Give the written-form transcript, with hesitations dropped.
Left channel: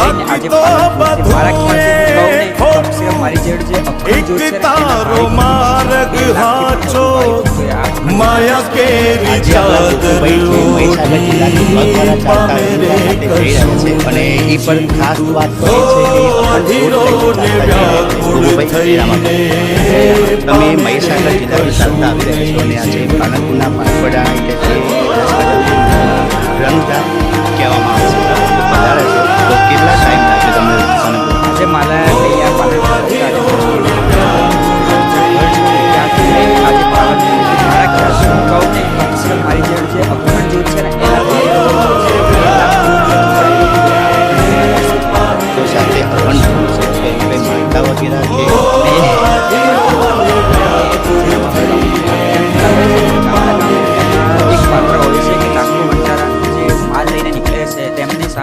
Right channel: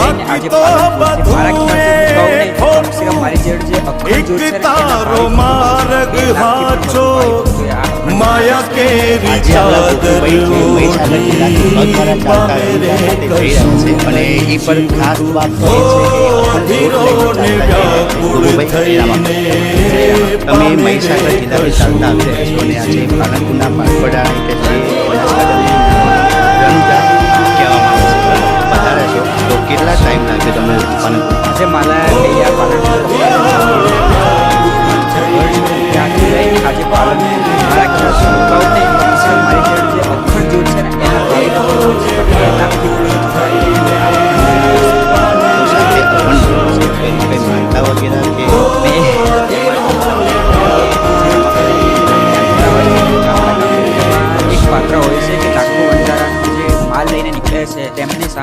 લઈને આજે પાલનપુરથી મારા ખ્યાલથી હું કહું ને તો કમસે કમ મારી જેડ જે અખંડ જ્યોત છે ને એના ભાવિ ભક્તો 2 લાખથી પણ વધુ ભાવિ ભક્તોએ આ અખંડ આજે આપણા ગોકુભાઈ જે મહીસાગર જિલ્લાથી પગવાળા ચાલતા રણુજા ખાતે જઈ રહ્યા છે અને એ પર ખાસ વાત તો એ છે કે અખંડ જ્યોત લઈને ચાલતા જઈ રહ્યા છે. ગોકુભાઈ જય રામ. તમે મહીસાગર જિલ્લાથી ચાલતા આવી રહ્યા છો અને આજે પાલનપુરના પારપડાણા એટલે જે બનાસકાંઠાનું રણુજા કહેવામાં આવે છે, બરાબર? તો પધારે છો તો કેટલા ટાઈમ લાગ્યો તમને પાલનપુર? આજે મારા અહીંયા પાલનપુર પકડા જે ઘર છે ત્યાંથી લઈને આજે પાલનપુર મારા ખ્યાલથી હું કહું ને કમસે કમ મારી જેડ જે અખંડ જ્યોત છે ને એના ભાવિ ભક્તો છે 2 લાખથી પણ વધુ ભાવિ ભક્તોએ આ અખંડ જ્યોતના દર્શન કર્યા. તો સાથે અખંડ જ્યોત છે તો એમાં કંઈ માનતા વગેરે કે એમાં જે રામાપીર બાપુ જે આખ્યાનતા હોય છે ને ગામડે એમાં એક પાત્ર હોય છે કે લાખો વણજારાનું જે માલ લઈને નીકળે છે તેમની સામે